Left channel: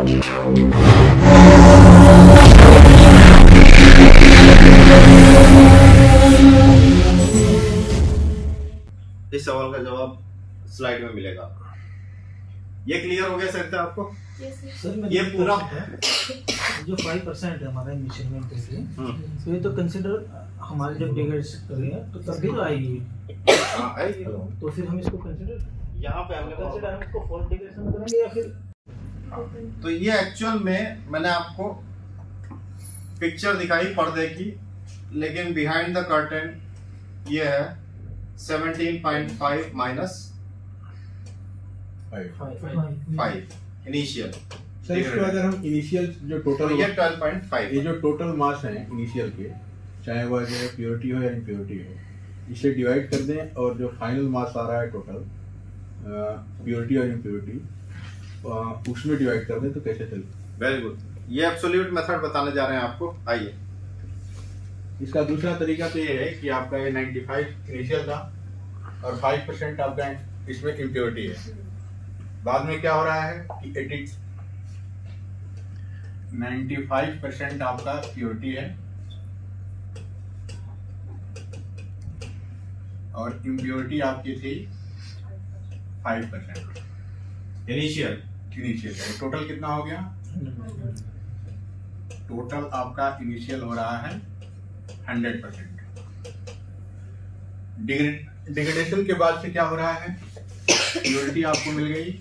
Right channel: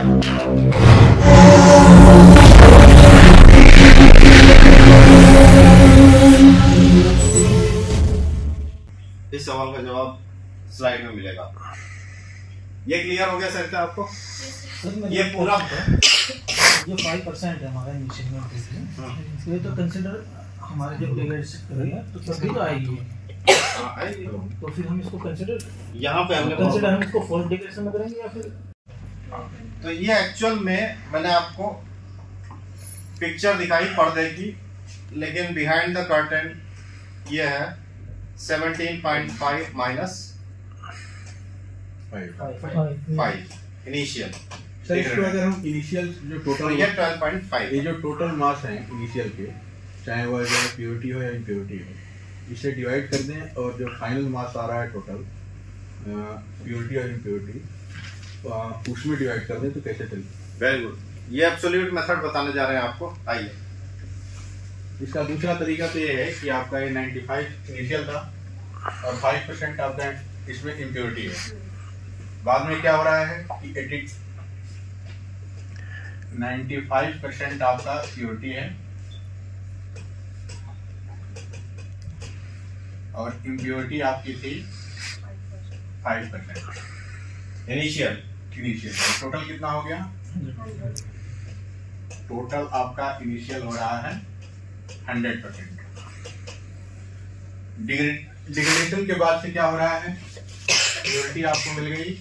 इस सवाल का जवाब स्लाइड में मिलेगा। ये क्लियर हो गया सकता है आपको? ये पूरा जो 5% है हमारा इनिशियल में, ये तो कंसिडर हमारे जब डिग्रेडेशन करेंगे तो तभी तो आएगी। आएगी तो फिर हम इसको कंसिडर यहाँ पे हमने हम इसको फॉल्स डिग्रेडेशन में करेंगे या फिर? तो ये एक्चुअल में मैंने आपको पिक्चर दिखाई पर्दे की, लेकिन बिहाइंड द कर्टन ये है 17.5 माइनस 5 इनिशियल। सर इसको अगर हम इनिशियल जो टोटल ये 12.5 ये जो टोटल मास है इनिशियल के, चाहे वह जो प्योरिटी हो या इम्प्योरिटी हो, इसे डिवाइड कर दें और जो फाइनल मास आ रहा है टोटल प्योरिटी और इम्प्योरिटी उसमें डिवाइड कर दें तो कैसे चलेगा? वेरी गुड, ये एब्सोल्यूट मेथड बताने जा रहे हैं आपको। आइए, इसका दूसरा तरीका तो ये है कि आपका ये 95 इनिशियल था और 5% आपका इसमें इम्प्योरिटी है। बाद में क्या हो रहा है कि 95% आपका प्योरिटी है और इम्प्योरिटी आपकी थी 5% इनिशियल। टोटल कितना हो गया? टोटल आपका इनिशियल हो रहा है 100%। डिग्रेडेशन के बाद से क्या हो रहा है? प्योरिटी आपको मिल गई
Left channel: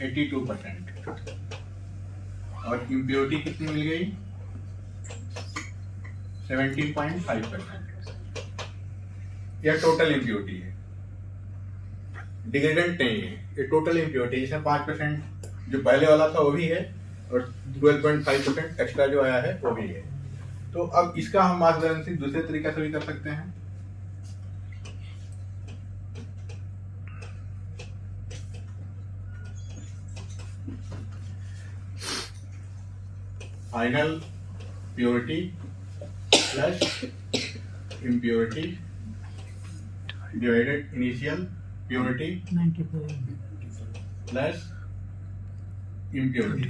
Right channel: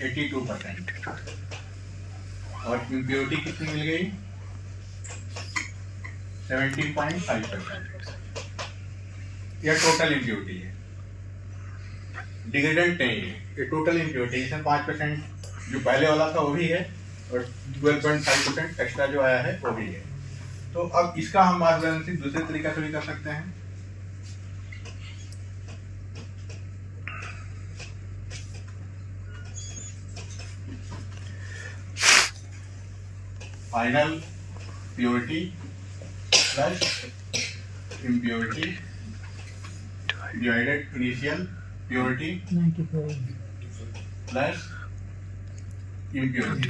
82% और इम्प्योरिटी कितनी मिल गई? 17.5%। यह टोटल इम्प्योरिटी है, डिग्रेडेंट नहीं है। ये टोटल इम्प्योरिटी, इसमें 5% जो पहले वाला था वो भी है और 12.5% एक्स्ट्रा जो आया है वो भी है। तो अब इसका हम मास बैलेंसिंग दूसरे तरीका से भी कर सकते हैं। Final purity plus impurity divided initial purity 95 plus impurity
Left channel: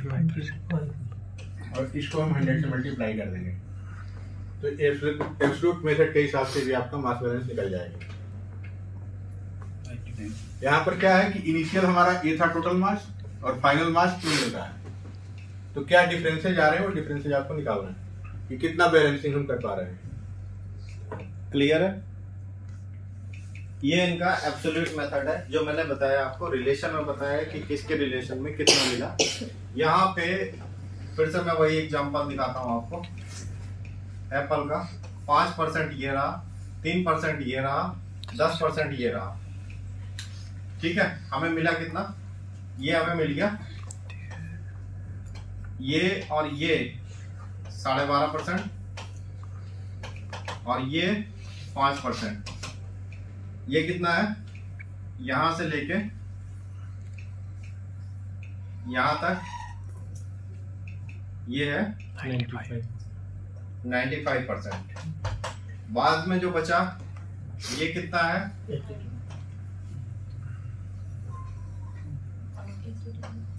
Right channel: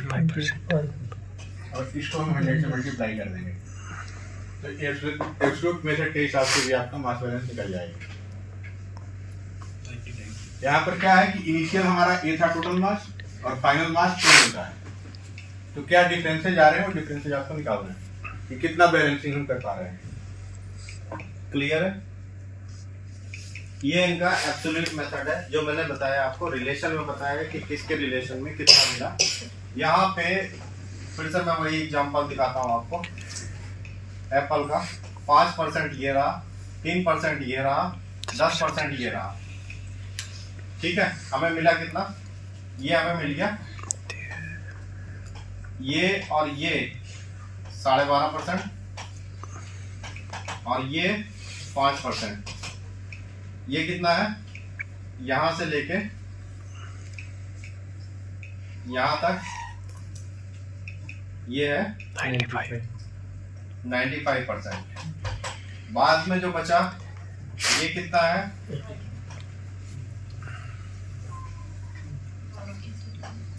और इसको हम 100 से मल्टीप्लाई कर देंगे तो एब्सोल्यूट मेथड के हिसाब से भी आपका मास बैलेंस निकल जाएगा। यहाँ पर क्या है कि इनिशियल हमारा ये था टोटल मास और फाइनल मास चेंज होता है, तो क्या डिफरेंसेज आ रहे हैं वो डिफरेंसेज आपको निकालना है कि कितना बैलेंसिंग हम कर पा रहे हैं। क्लियर है? ये इनका एब्सोल्यूट मेथड है जो मैंने बताया आपको, रिलेशन में बताया कि किसके रिलेशन में कितना मिला। यहाँ पे फिर से मैं वही एग्जांपल दिखाता हूँ आपको। एप्पल का 5% ये रहा, 3% ये रहा, 10% ये रहा। ठीक है, हमें मिला कितना? ये हमें मिल गया ये और ये 12.5% और ये 5%। ये कितना है? यहां से लेके यहां तक ये है 95%। बाद में जो बचा ये कितना है?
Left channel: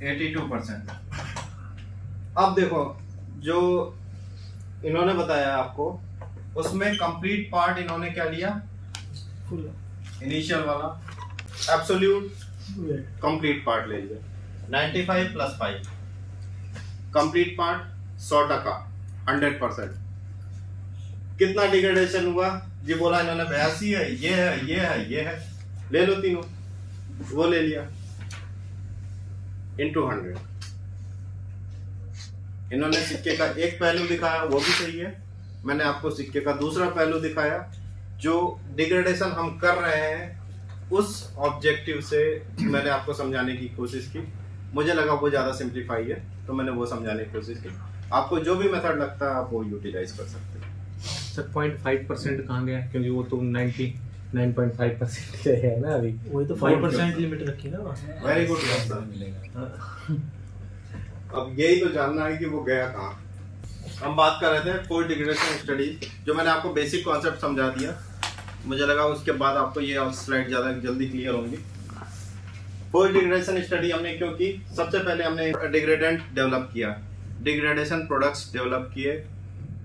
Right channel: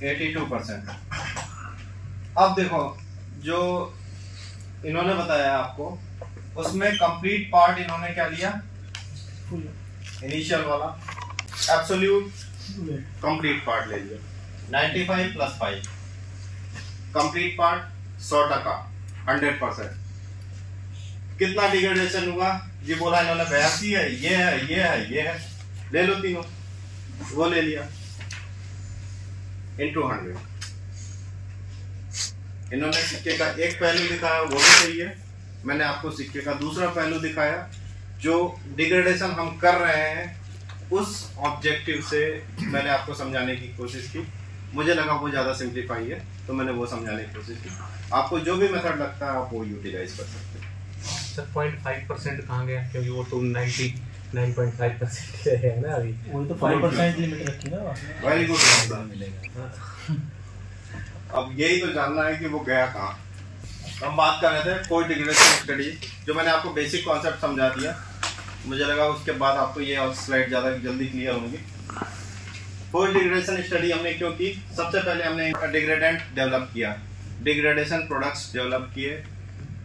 82%। अब देखो जो इन्होंने बताया आपको उसमें कंप्लीट पार्ट इन्होंने क्या लिया? फुल इनिशियल वाला एब्सोल्यूट कंप्लीट पार्ट ले लिया 95 प्लस 5। Complete part 100%, 100%। कितना डिग्रेडेशन हुआ? ये बोला इन्होंने 82 है, ये है, ये है, ये है, ले लो तीनों, वो ले लिया इंटू 100। इन्होंने सिक्के का एक पहलू दिखाया, वो भी सही है। मैंने आपको सिक्के का दूसरा पहलू दिखाया। जो डिग्रेडेशन हम कर रहे हैं उस ऑब्जेक्टिव से मैंने आपको समझाने की कोशिश की। मुझे लगा वो ज़्यादा सिंप्लीफाई है तो मैंने वो समझाने की कोशिश की। आपको जो भी मेथड लगता है आप वो यूटिलाइज कर सकते हैं। सर 0.5% कहाँ गया? क्योंकि वो तो 99.5% है ना अभी। वही तो 5% लिमिट रखी ना। Very good. अब यही तो जानना है कि वो गया कहाँ। हम बात कर रहे थे कोई डिग्रेडेशन स्टडी, जो मैंने आपको बेसिक कॉन्सेप्ट समझा दिया। मुझे लगा उसके बाद आपको ये स्लाइड ज़्यादा जल्दी क्लियर होंगी। पोस्ट डिग्रेडेशन स्टडी हमने क्यों की? सबसे पहले हमने डिग्रेडेंट डेवलप किया, डिग्रेडेशन प्रोडक्ट्स डेवलप किए।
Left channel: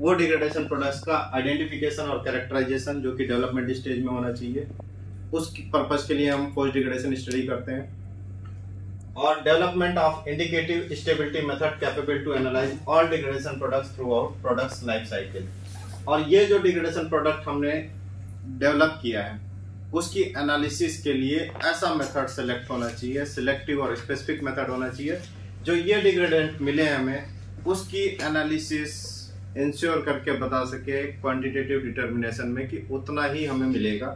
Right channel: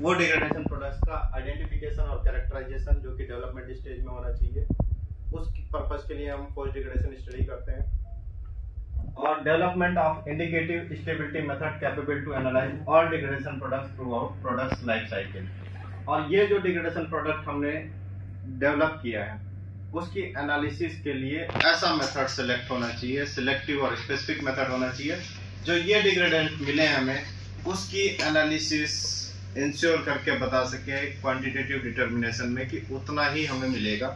वो डिग्रेडेशन प्रोडक्ट्स का आइडेंटिफिकेशन और कैरेक्टराइजेशन जो कि डेवलपमेंट स्टेज में होना चाहिए, उस पर्पस के लिए हम पोस्ट डिग्रेडेशन स्टडी करते हैं। और development of indicative stability method capable to analyze all degradation products throughout products life cycle. और ये जो डिग्रेडेशन प्रोडक्ट हमने डेवलप किया है उसकी एनालिसिस के लिए ऐसा मेथड सेलेक्ट होना चाहिए, सिलेक्टिव और स्पेसिफिक मेथड होना चाहिए, जो ये डिग्रेडेंट मिले हमें उसकी एनालिसिस इंश्योर करके बता सके क्वांटिटेटिव डिटर्मिनेशन में कि उतना ही हमें मिलेगा।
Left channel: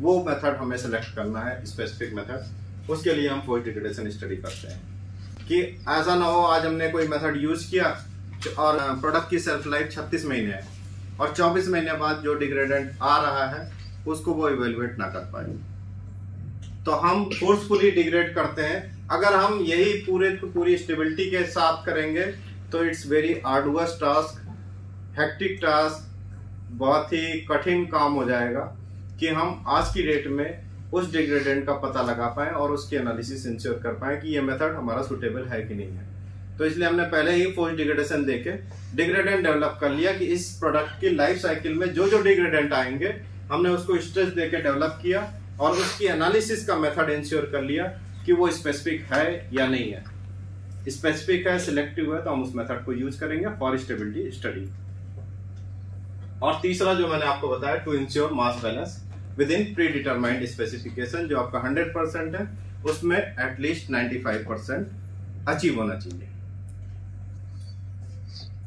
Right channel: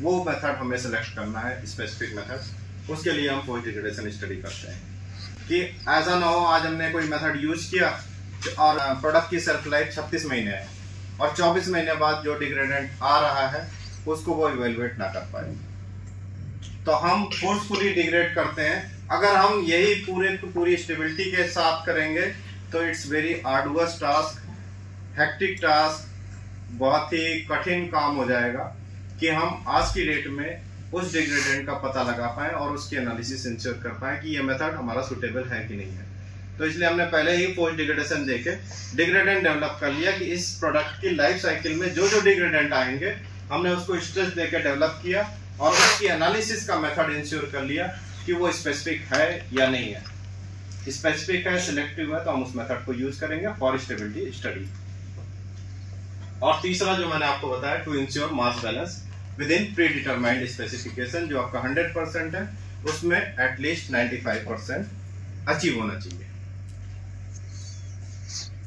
वो मेथड हमें सेलेक्ट करना है, स्पेसिफिक मेथड। उसके लिए हम पोस्ट डिग्रेडेशन स्टडी करते हैं कि ऐसा ना हो आज हमने कोई मेथड यूज किया और प्रोडक्ट की सेल्फ लाइफ 36 महीने है और 24 महीने बाद जो डिग्रेडेंट आ रहा है उसको वो इवेलुएट ना कर पाए। तो हम फोर्सफुली डिग्रेड करते हैं। अगर हम यही पूरी स्टेबिलिटी के साथ करेंगे तो it's very arduous task, hectic task, बहुत ही कठिन काम हो जाएगा कि हम आज की डेट में उस डिग्रेडेंट का पता लगा पाए और उसकी एनालिसिस इंश्योर कर पाए कि ये मेथड हमारा सुटेबल है कि नहीं है। तो इसलिए हमने पहले ही पोस्ट डिग्रेडेशन देके डिग्रेडेंट डेवलप कर लिया कि इस प्रोडक्ट की लाइफ साइकिल में जो जो डिग्रेडेंट आएंगे हमने उसको स्ट्रेस देके डेवलप किया और उसकी एनालिसिस का मेथड इंश्योर कर लिया कि वो स्पेसिफिक है या नहीं है। स्पेसिफिक है, सिलेक्टिव है, तो हम उस मेथड को यूज करेंगे फॉर स्टेबिलिटी स्टडी। और तीसरा जो मैंने आपको बताया, to ensure mass balance within predetermined specification, जो आपका 100% है उसमें एटलीस्ट 95% अचीव होना चाहिए।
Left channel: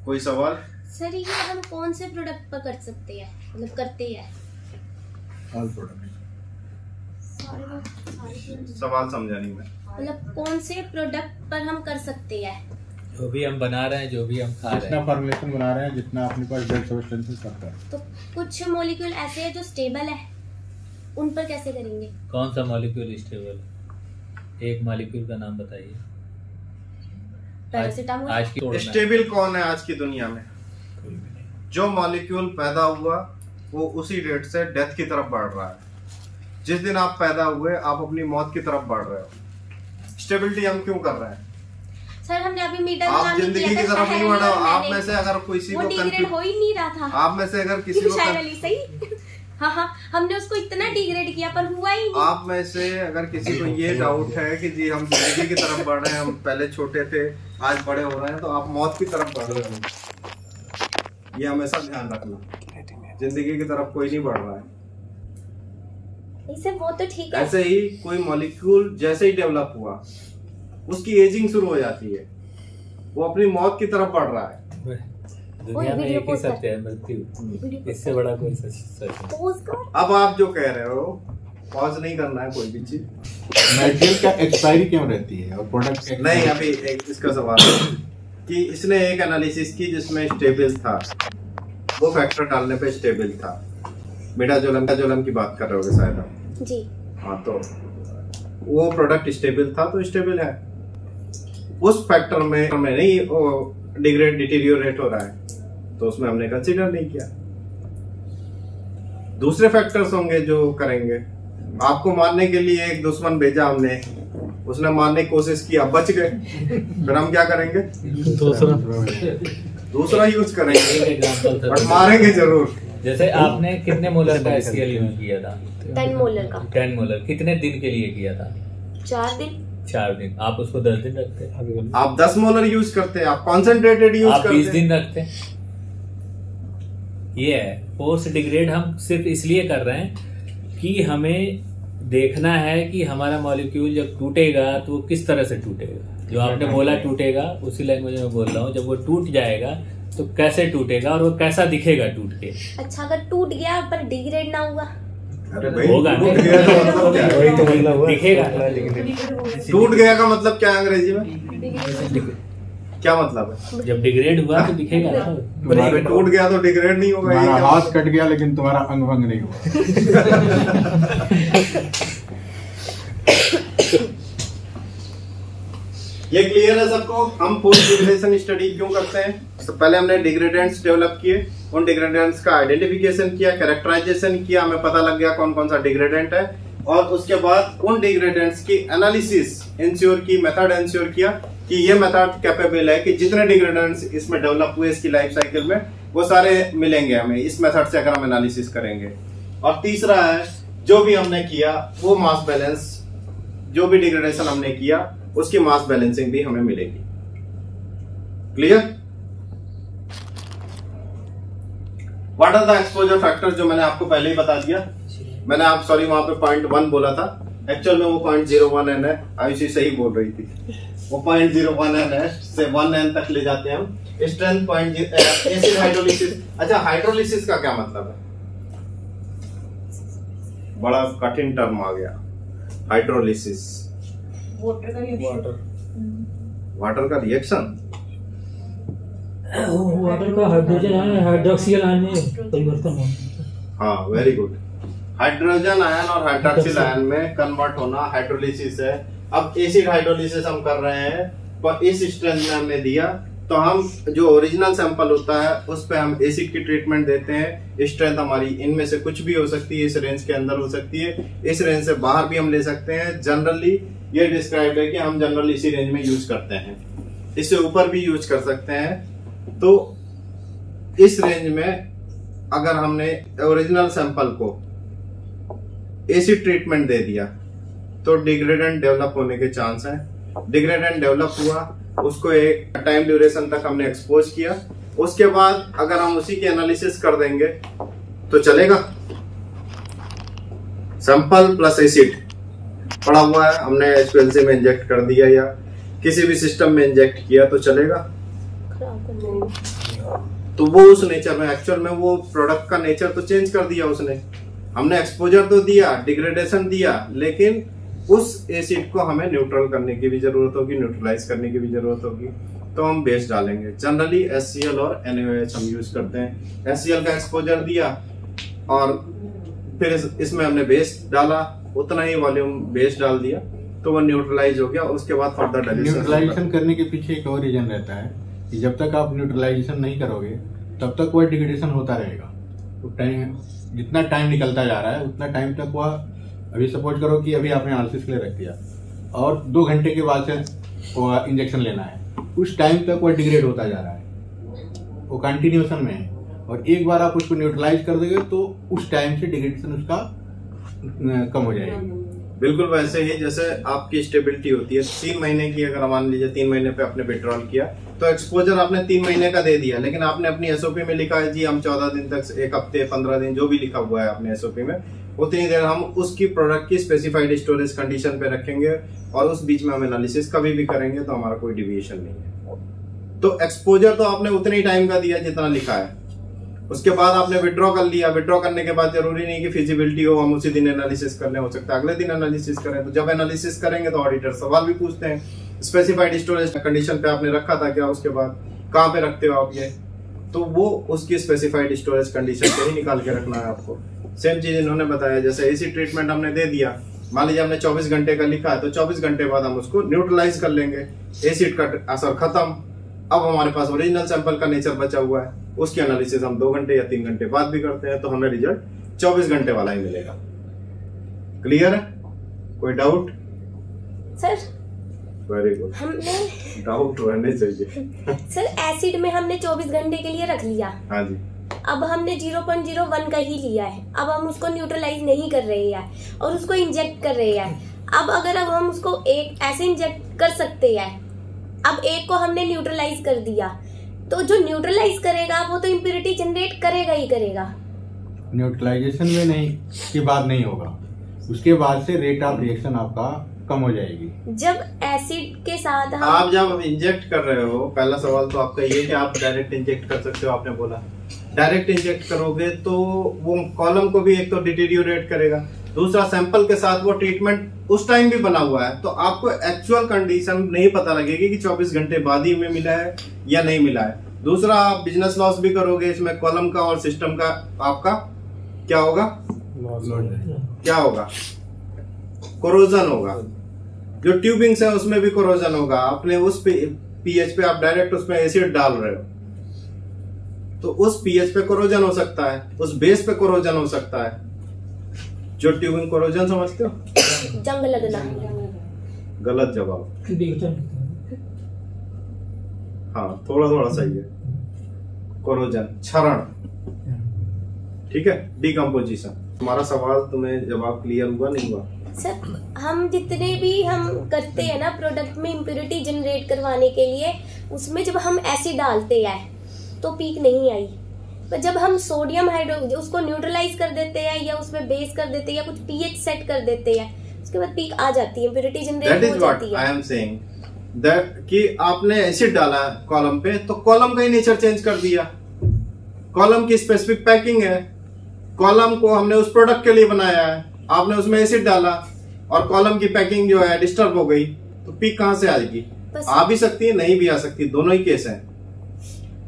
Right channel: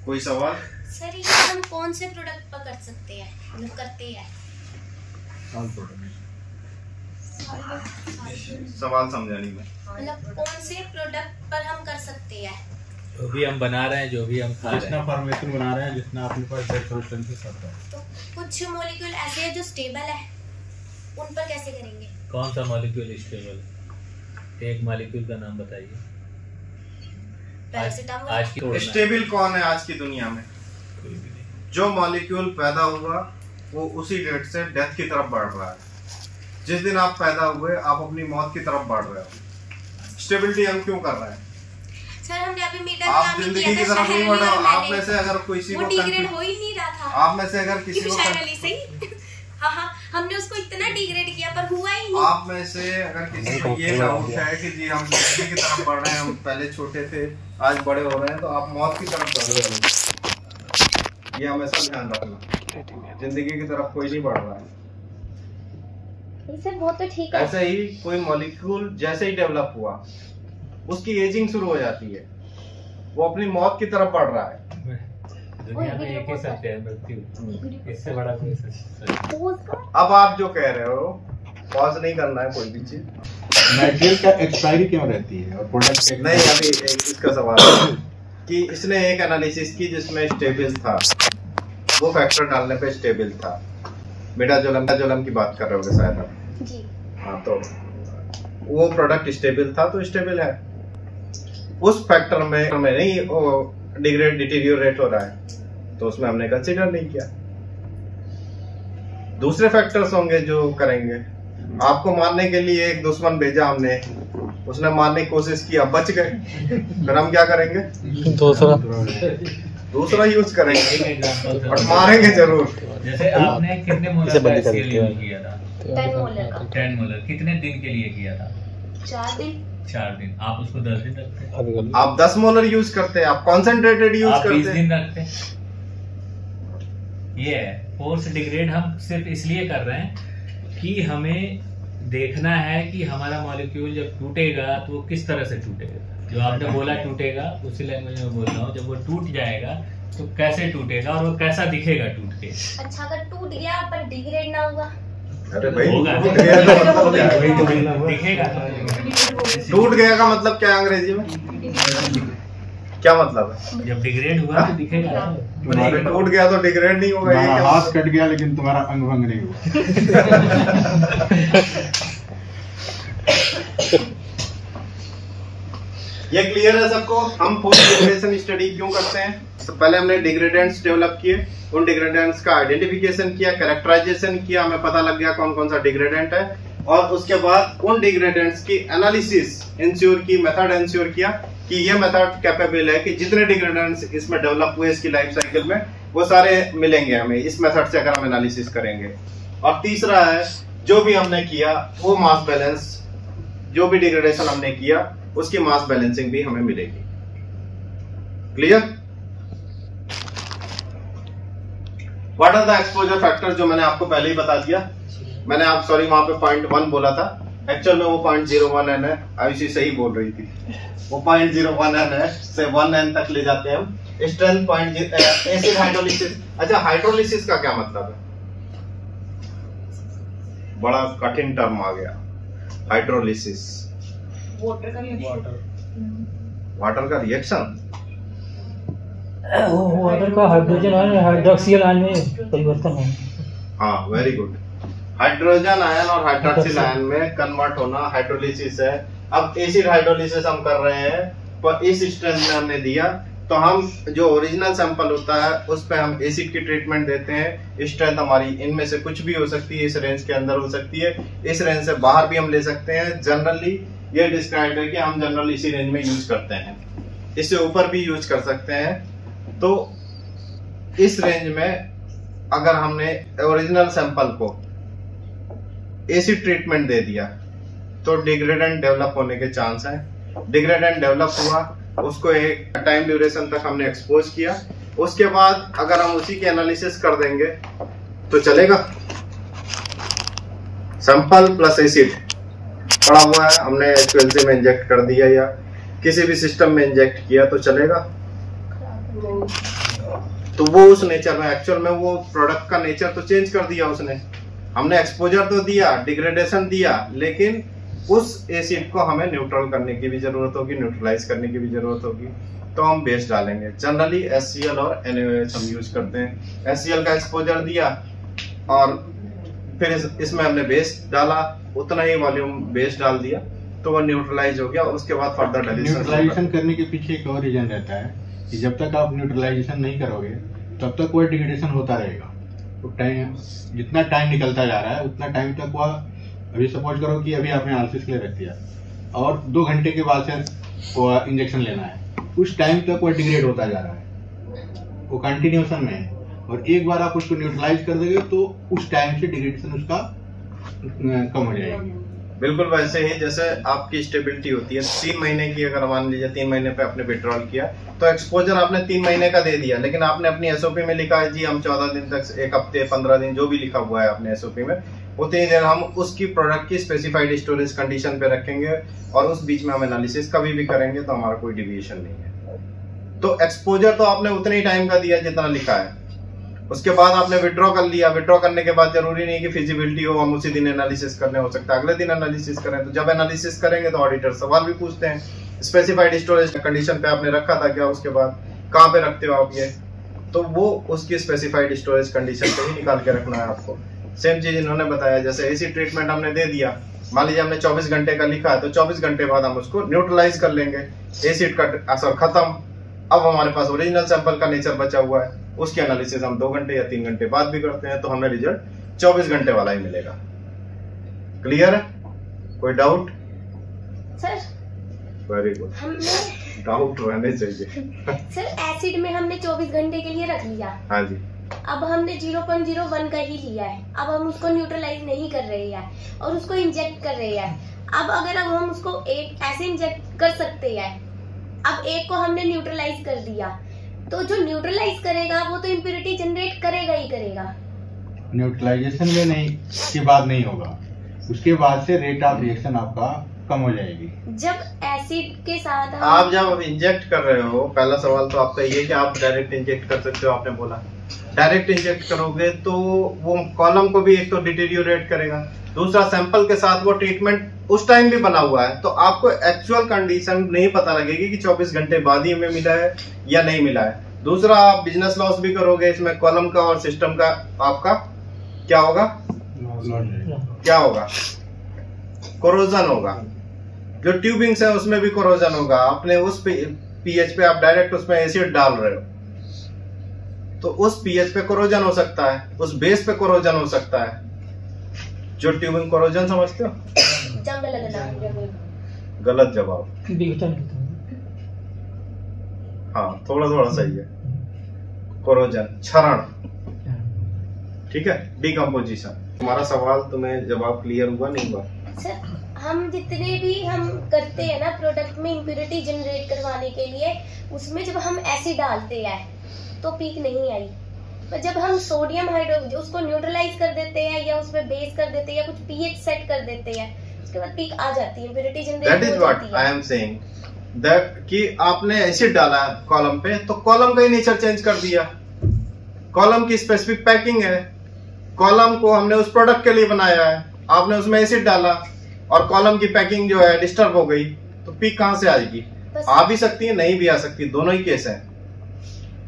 कोई सवाल? सर ये हम कौन से प्रोडक्ट पर कर सकते हैं, मतलब करते हैं? All product. सवाल समझा नहीं मैं। मतलब कौन से प्रोडक्ट पर हम कर सकते हैं? जो भी हम बना रहे हैं, जो भी हम खा रहे जितना हैं, फॉर्मुलेशन बना रहे हैं, जितना अपने पास सोर्स करता है। तो कुछ मॉलिक्यूल ऐसे हैं जो स्टेबल है, उन पर कैसे करेंगे? कौन सा मॉलिक्यूल स्टेबल? एक मॉलिक्यूल का नाम बताइए। पैरासिटामोल। आज की स्टेबल कौन है आज की दुनिया में? जो मॉलिक्यूल पैदा हुआ वो उसी रेट से डेथ की तरफ बढ़ रहा है। जिस दिन आप पैदा हुए आप अपनी मौत की तरफ बढ़ रहे हो। स्टेबिलिटी हम क्यों कर रहे हैं? सर हमने अभी मीटर आप जिंदगी की तरफ नहीं बढ़ रहे। आप में से अगर किसी को डिग्रेड हो ही नहीं रहा था। आप में से अगर किसी को सही हाँ हमने उसको इतना डिग्रेड किया पर हुआ ही नहीं। आप में से अगर किसी को ये डाउट है कि जी हम जिंदगी की तरफ बढ़ रहे हैं, हम पहले छोटे थे आज बड़े हो रहे हैं, तो आप मौत की तरफ बढ़ रहे हो। ये हमेशा ध्यान रखना, जिंदगी की तरफ कोई नहीं बढ़ रहा है। वो तो ठीक है। ऐसे ही कोई मॉलिक्यूल जैसे ही डेवलप हुआ उसकी एजिंग शुरू हो जाती है, वो अपनी मौत की तरफ बढ़ रहा है। दुनिया में एक ही सत्य है, मृत्यु। इससे बड़ा कोई सच। अब आप जो कह रहे हो, पॉज नहीं करना है कोई भी चीज। मटेरियल का एक्सपायरी क्यों रहती है और प्रोडक्ट नहीं, अभी इसका सवाल है कि इसने एक एनालिसिस की जिसमें स्टेबल था, वो फैक्टर डालने पे स्टेबल था। मिडाजोलम की बात कर रहे होगे शायद आप जी। हाँ, तो वो प्रोडक्ट स्टेबल था तो स्टेबल है। उस फैक्टर में नहीं वो डिटीरियोरेट हो रहा है तो उसमें हमने कंसीडर नहीं किया। दूसरे फैक्टर्स होंगे जो करेंगे। आपको मारने के लिए एक दुश्मन भेजा हमने, उसने मारने की कोशिश की, अब बच गए, फिर हम क्या करेंगे? दूसरा यूज करेंगे और मारेंगे जरूर। जैसे आपने कितने मोलर का स्केल यूज किया था? 10 मोलर का। 10 मोलर कितने दिन के लिए किया था? 4 दिन। 4 दिन। आप उसको 10 दिन रखते हैं? आप 10 मोलर यूज करते हैं, आप कॉन्सेंट्रेटेड यूज करते हैं। 20 दिन रखते हैं। ये है फोर्स डिग्रेड। हम सिर्फ इसलिए कर रहे हैं कि हमें देखना है कि हमारा मॉलिक्यूल जब टूटेगा तो वो किस तरह से टूटेगा। जो आपने बोला टूटेगा, उसी लैंग्वेज में बोल रहा हूँ। जब वो टूट जाएगा तो कैसे टूटेगा और वो कैसा दिखेगा टूट के। अच्छा, अगर टूट गया पर डिग्रेड ना हुआ? अरे भाई, होगा। टूट गया का मतलब क्या है? दिखेगा। टूट गया का मतलब क्या है अंग्रेजी में? क्या मतलब है? जब डिग्रेड हुआ तो दिखेगा। अरे टूट गया तो डिग्रेड नहीं होगा। ये क्या हाथ कट गया लेकिन तुम्हारा अंग भंग नहीं हुआ। ये क्लियर है सबको? हम पोस्ट डिग्रेडेशन स्टडी क्यों करते हैं? तो पहले हमने डिग्रेडेंट्स डेवलप किए, उन डिग्रेडेंट्स का आइडेंटिफिकेशन किया, कैरेक्टराइजेशन किया, हमें पता लग गया कौन कौन सा डिग्रेडेंट है, और उसके बाद उन डिग्रेडेंट्स की एनालिसिस इंश्योर की, मेथड इंश्योर किया कि ये मेथड कैपेबल है कि जितने डिग्रेडेंट्स इसमें डेवलप हुए इसकी लाइफ साइकिल में वो सारे मिलेंगे हमें इस मेथड से अगर हम एनालिसिस करेंगे। और तीसरा है जो भी हमने किया वो मास बैलेंस, जो भी डिग्रेडेशन हमने किया उसकी मास बैलेंसिंग भी हमें मिलेगी। Clear? What are the exposure factor, जो मैंने आपको पहले ही बता दिया। मैंने आप सॉरी वहां पे 0.1 बोला था, एक्चुअल में वो 0.01 n है। आयुषी सही बोल रही थी, वो 0.01 n है से 1 n तक ले जाते हैं हम। Strength acid hydrolysis. अच्छा, हाइड्रोलिसिस का क्या मतलब है? बड़ा कठिन टर्म आ गया हाइड्रोलिसिस। वाटर वाटर का रिएक्शन, वाटर का हाइड्रोजन आयन हाइड्रोक्सिल आयन में परिवर्तन होना। हाँ वेरी गुड। हाइड्रोजन आयन और हाइड्रोक्सिल आयन में कन्वर्ट होना हाइड्रोलिसिस है। अब एसिड हाइड्रोलिसिस हम कर रहे हैं, पर इस स्ट्रेंथ में हमने दिया तो हम जो ओरिजिनल सैंपल होता है उस पे हम एसिड की ट्रीटमेंट देते हैं। स्ट्रेंथ हमारी इनमें से कुछ भी हो सकती है, इस रेंज के अंदर हो सकती है, इस रेंज से बाहर भी हम ले सकते हैं। जनरली ये डिस्क्राइब है कि हम जनरली इसी रेंज में यूज करते हैं, इससे ऊपर भी यूज कर सकते हैं। तो इस रेंज में अगर हमने ओरिजिनल सैंपल को एसिड ट्रीटमेंट दे दिया तो डिग्रेडेंट डेवलप होने के चांस हैं। डिग्रेडेंट डेवलप हुआ, उसको एक टाइम ड्यूरेशन तक हमने एक्सपोज किया, उसके बाद अगर हम उसी की एनालिसिस कर देंगे तो चलेगा। सैंपल प्लस एसिड पड़ा हुआ है, हमने HPLC में इंजेक्ट कर दिया या किसी भी सिस्टम में इंजेक्ट किया तो चलेगा। तो वो उस नेचर में, एक्चुअल में वो प्रोडक्ट का नेचर तो चेंज कर दिया उसने। हमने एक्सपोजर तो दिया, डिग्रेडेशन दिया, लेकिन उस एसिड को हमें न्यूट्रल करने की भी जरूरत होगी, न्यूट्रलाइज करने की भी जरूरत होगी। तो हम बेस डालेंगे। जनरली HCl और NaOH हम यूज करते हैं। HCl का एक्सपोजर दिया और फिर इसमें हमने बेस डाला, उतना ही वॉल्यूम बेस डाल दिया तो वो न्यूट्रलाइज हो गया। उसके बाद फर्दर न्यूट्रलाइजेशन करने के पीछे एक और रीजन रहता है कि जब तक आप न्यूट्रलाइजेशन नहीं करोगे तब तक वो डिग्रेडेशन होता रहेगा। तो टाइम जितना टाइम निकलता जा रहा है उतना टाइम तक वह, अभी सपोज करो कि अभी आपने एनालिसिस के लिए रख दिया और 2 घंटे के बाद से वो इंजेक्शन लेना है, उस टाइम तक वो डिग्रेड होता जा रहा है, वो कंटिन्यूएशन में है। और एक बार आप उसको न्यूट्रलाइज कर दोगे तो उस टाइम से डिग्रेडेशन उसका कम हो जाएगा। बिल्कुल वैसे ही जैसे आपकी स्टेबिलिटी होती है 3 महीने की, अगर मान लीजिए 3 महीने पे आपने विड्रॉल किया तो एक्सपोजर आपने 3 महीने का दे दिया, लेकिन आपने अपनी SOP में लिखा है जी हम 14 दिन तक, 1 हफ्ते, 15 दिन, जो भी लिखा हुआ है अपने SOP में, उतनी देर हम उसकी प्रोडक्ट की स्पेसिफाइड स्टोरेज कंडीशन पे रखेंगे और उस बीच में हम एनालिसिस कभी भी करेंगे तो हमारा कोई डिविएशन नहीं है। तो एक्सपोजर तो आपने उतने ही टाइम का दिया जितना लिखा है, उसके बाद आपने विड्रॉ कर लिया। विड्रॉ करने के बाद जरूरी नहीं कि फिजिबिलिटी हो, हम उसी दिन एनालिसिस करने, हो सकता है अगले दिन एनालिसिस करें। तो जब एनालिसिस करेंगे तो ऑडिटर सवाल भी पूछते हैं, स्पेसिफाइड स्टोरेज कंडीशन पे आपने रखा था क्या, उसके बाद कहाँ पे रखते हो आप ये, तो वो उसकी स्पेसिफाइड स्टोरेज कंडीशन पे ही निकाल के रखना है आपको। सेम चीज इन्होंने बताया, जैसे एसिड ट्रीटमेंट हमने दे दिया, मान लीजिए हमने 24 घंटे का लिखा है तो 24 घंटे बाद हम उसको न्यूट्रलाइज कर लेंगे, एसिड का असर खत्म। अब हमारे पास ओरिजिनल सैंपल का नेचर बचा हुआ है, उसकी एनालिसिस हम 2 घंटे या 3 घंटे बाद भी करते हैं तो हमें रिजल्ट 24 घंटे वाला ही मिलेगा। क्लियर है? कोई doubt? Sir very good, doubt रहने चाहिए। सर एसिड में हमने 24 घंटे के लिए रख लिया, हाँ जी, अब हमने 0.01 का ही लिया है, अब हम उसको न्यूट्रलाइज नहीं कर रहे हैं और उसको इंजेक्ट कर रहे हैं। अब अगर हम उसको एक ऐसे इंजेक्ट कर सकते हैं, अब एक को हमने न्यूट्रलाइज कर दिया तो जो न्यूट्रलाइज करेगा वो तो इम्प्योरिटी जनरेट करेगा ही करेगा। न्यूट्रलाइजेशन में नहीं के बाद नहीं होगा, उसके बाद से रेट ऑफ रिएक्शन आपका कम हो जाएगी। जब एसिड के साथ आप जब इंजेक्ट कर रहे हो, पहला सवाल तो आपका ये कि आप डायरेक्ट इंजेक्ट कर सकते हो, आपने बोला डायरेक्ट इंजेक्ट करोगे तो वो कॉलम को भी एक तो डिटेरियोरेट करेगा, दूसरा सैंपल के साथ वो ट्रीटमेंट उस टाइम भी बना हुआ है तो आपको एक्चुअल कंडीशन नहीं पता लगेगी कि 24 घंटे बाद ही हमें मिला है या नहीं मिला है। दूसरा आप बिजनेस लॉस भी करोगे इसमें, कॉलम का और सिस्टम का आपका क्या होगा, क्या होगा, कोरोजन होगा। जो ट्यूबिंग्स है उसमें भी कोरोजन होगा, आपने उस पीएच पे आप डायरेक्ट उसमें एसिड डाल रहे हो तो उस पीएच पे कोरोजन हो सकता है, उस बेस पे कोरोजन हो सकता है। जो ट्यूबिंग कोरोजन समझते हो, जंग लगना, गलत जवाब। दिखता नहीं। हाँ, थोड़ा थोड़ा सही है। कोरोजन, क्षरण, ठीक है, डिकम्पोजिशन। तुम्हारा सवाल तुम्हें जवाब क्लियर हुआ नहीं हुआ? सर, हम जितने भी हम करते हैं ना प्रोडक्ट में इम्प्योरिटी जनरेट करवाने के लिए, उसमें जब हम एसिड डालते हैं तो पीक नहीं आई, पर जब हम सोडियम हाइड्रो उसको न्यूट्रलाइज कर देते हैं या उसमें बेस कर देते हैं या कुछ पीएच सेट कर देते हैं, उसके बाद पीक आ जाती है, इम्प्योरिटी जनरेट हो जाती है। That is what I am saying, that कि आपने एसिड डाला कॉलम पे तो कॉलम का ही नेचर चेंज कर दिया। कॉलम की स्पेसिफिक पैकिंग है, कॉलम को हमने उस प्रोडक्ट के लिए बनाया है, आपने उसमें एसिड डाला और कॉलम की पैकिंग जो है डिस्टर्ब हो गई, तो पीक कहां से आएगी? आ भी सकती है, नहीं भी आ सकती, दोनों ही केस हैं।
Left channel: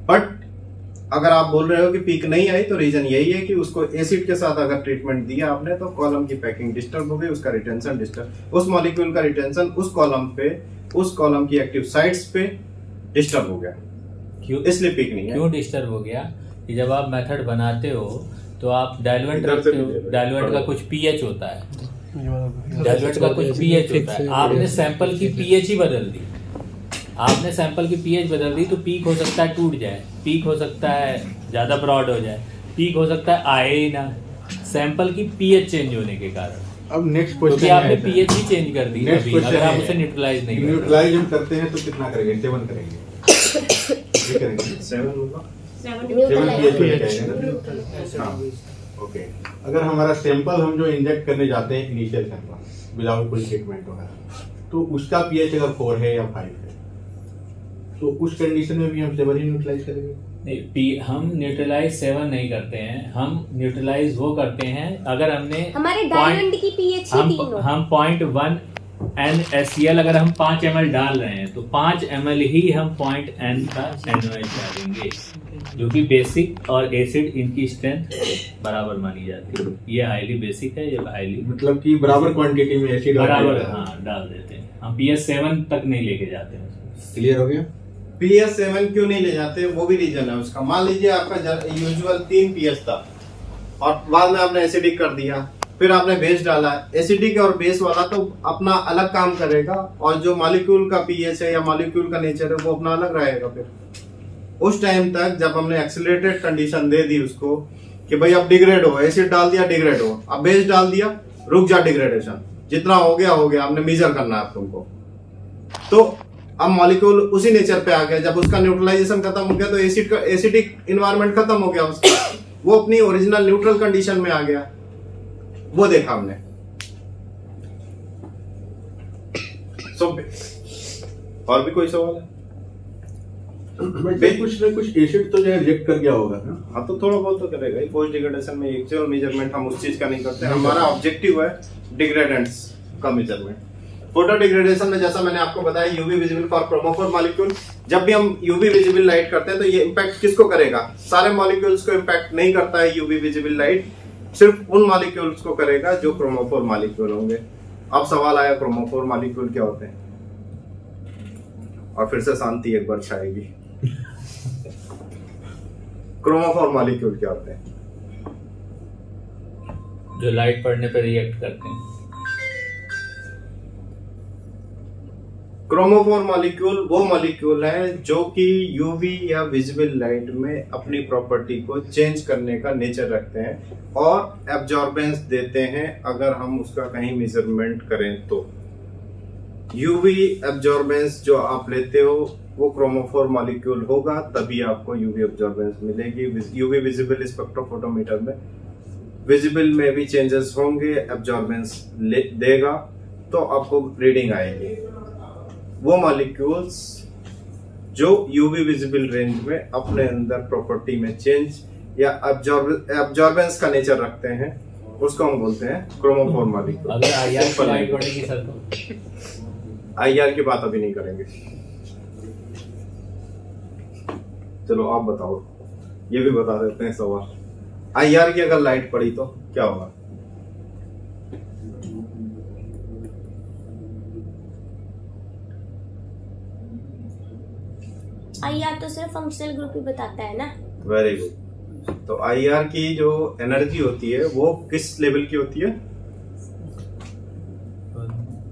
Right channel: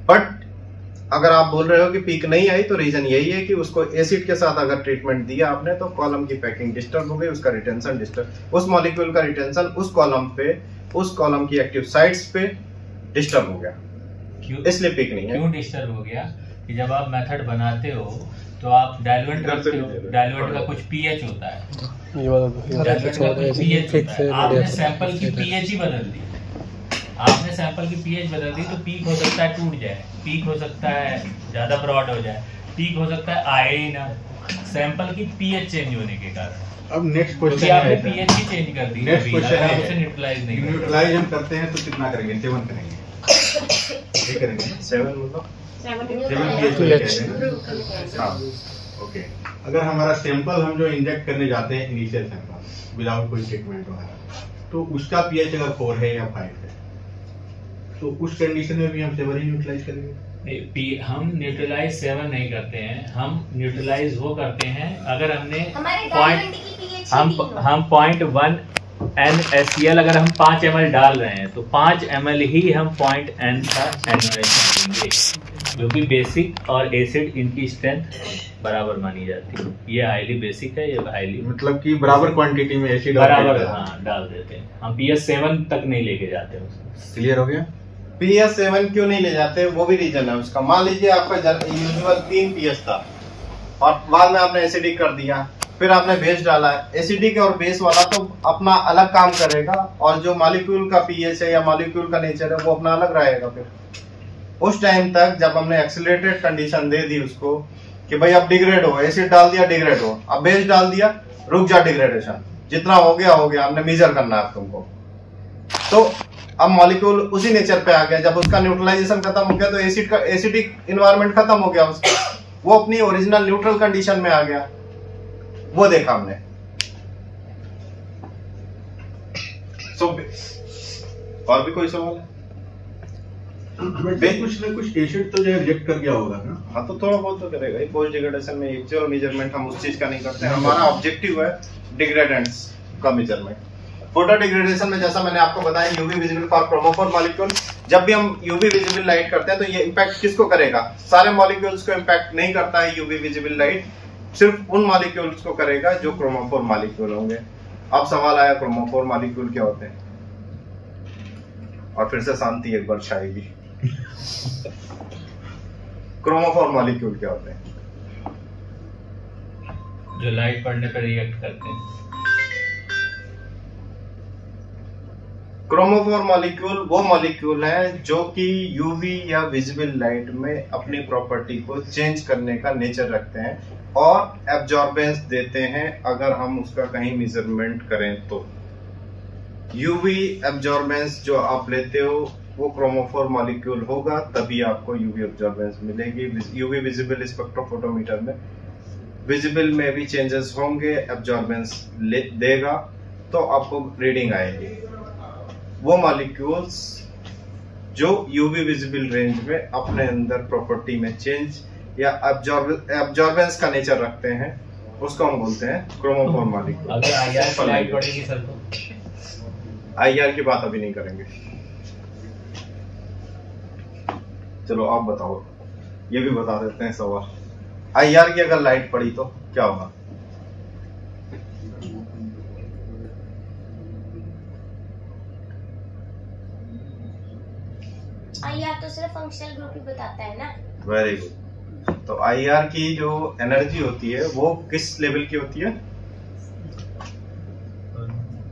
बट अगर आप बोल रहे हो कि पीक नहीं आई तो रीजन यही है कि उसको एसिड के साथ अगर ट्रीटमेंट दिया आपने तो कॉलम की पैकिंग डिस्टर्ब हो गई, उसका रिटेंशन डिस्टर्ब, उस मॉलिक्यूल का रिटेंशन उस कॉलम पे, उस कॉलम की एक्टिव साइट्स पे डिस्टर्ब हो गया, क्यों इसलिए पीक नहीं है। क्यों डिस्टर्ब हो गया कि जब आप मेथड बनाते हो तो आप डाइल्यूएंट का कुछ पीएच होता है, डाइल्यूएंट का कुछ पीएच होता है, आपने सैंपल की पीएच ही बदल दी, आपने सैंपल की पीएच बदल दी तो पीक हो सकता है टूट जाए, पीक हो सकता है ज्यादा ब्रॉड हो जाए, पीक हो सकता है आए ही ना, सैंपल की पीएच चेंज होने के कारण। अब नेक्स्ट क्योंकि क्वेश्चन आपने पीएच ही चेंज कर दी, नेक्स्ट क्वेश्चन अगर आप उसे न्यूट्रलाइज नहीं करेंगे। न्यूट्रलाइज हम करते हैं तो कितना करेंगे? 7 करेंगे, ये करेंगे 7 मतलब 7 हाँ, ओके। अगर हमारा सैंपल हम जो इंजेक्ट करने जाते हैं इनिशियल सैंपल विदाउट कोई ट्रीटमेंट वगैरह, तो उसका पीएच अगर 4 है या 5 है तो उस कंडीशन में भी हम 7 ही न्यूट्रलाइज करेंगे? हम न्यूट्रलाइज 7 नहीं करते हैं, हम न्यूट्रलाइज वो करते हैं अगर हमने हमारे डायमंड की पीएच हम 0.1 NaCl अगर हम 5 ml डाल रहे हैं तो 5 ml ही हम 0.n का NaOH डालेंगे, जो कि बेसिक और एसिड इनकी स्ट्रेंथ बराबर मानी जाती है। ये हाईली बेसिक है, ये हाईली मतलब कि बराबर क्वांटिटी में एसिड बराबर डाल देते हैं। हम pH 7 तक नहीं लेके जाते हैं। क्लियर हो गया? pH 7 क्यों नहीं ले जाते, वो भी रीजन है उसका। मान लीजिए आपका यूजुअल 3 pH था और बाद में आपने एसिडिक कर दिया, फिर आपने बेस डाला, एसिडिक और बेस वाला तो अपना अलग काम करेगा और जो मॉलिक्यूल का pH है या मॉलिक्यूल का नेचर है वो अपना अलग रहेगा। फिर उस टाइम तक जब हमने एक्सीलरेटेड कंडीशन दे दी उसको कि भाई अब डिग्रेड हो, एसिड डाल दिया डिग्रेड हो, अब बेस डाल दिया रुक जा डिग्रेडेशन, जितना हो गया आपने मेजर करना है तुमको, तो अब मॉलिक्यूल उसी नेचर पे आ गया। जब उसका न्यूट्रलाइजेशन खत्म हो गया तो एसिड का एसिडिक इन्वायरमेंट खत्म हो गया उसका, वो अपनी ओरिजिनल न्यूट्रल कंडीशन में आ गया, वो देखा हमने। और भी कोई सवाल है? कुछ न कुछ एसिड तो जो है रिजेक्ट कर गया होगा ना? हाँ, तो थोड़ा बहुत तो करेगा ही। पोस्ट डिग्रेडेशन में एक्चुअल मेजरमेंट हम उस चीज का नहीं करते, हमारा ऑब्जेक्टिव है डिग्रेडेंट्स का मेजरमेंट। फोटो डिग्रेडेशन में जैसा मैंने आपको बताया UV visible for chromophore molecule, जब भी हम यूवी विजिबल लाइट करते हैं तो ये इम्पैक्ट किसको करेगा? सारे मॉलिक्यूल्स को इम्पैक्ट नहीं करता है यूवी विजिबल लाइट, सिर्फ उन मॉलिक्यूल्स को करेगा जो क्रोमोफोर मॉलिक्यूल होंगे। अब सवाल आया क्रोमोफोर मॉलिक्यूल क्या होते हैं, और फिर से शांति एक बार छाएगी। क्रोमोफोर मॉलिक्यूल क्या होते हैं? जो लाइट पड़ने पर रिएक्ट करते हैं। क्रोमोफोर मॉलिक्यूल वो मॉलिक्यूल है जो कि यूवी या विजिबल लाइट में अपनी प्रॉपर्टी को चेंज करने का नेचर रखते हैं और एब्जॉर्बेंस देते हैं अगर हम उसका कहीं मेजरमेंट करें तो। यूवी एब्जॉर्बेंस जो आप लेते हो वो क्रोमोफोर मॉलिक्यूल होगा, तभी आपको यूवी एब्जॉर्बेंस मिलेगी। यूवी विजिबल स्पेक्ट्रोफोटोमीटर में विजिबल में भी चेंजेस होंगे, एब्जॉर्बेंस देगा तो आपको रीडिंग आएगी। वो मॉलिक्यूल्स जो यूवी विजिबल रेंज में अपने अंदर प्रॉपर्टी में चेंज या एब्जॉर्बेंस का नेचर रखते हैं उसको हम बोलते हैं क्रोमोफोर मॉलिक्यूल। अगर आईआर पर लाइट पड़ेगी सर तो आईआर की बात अभी नहीं करेंगे, चलो आप बताओ, ये भी बता देते हैं सवाल। आईआर की अगर लाइट पड़ी तो क्या होगा? आईआर तो सिर्फ फंक्शनल ग्रुप ही बताता है ना। Very good. तो आईआर की जो एनर्जी होती है वो किस लेवल की होती है?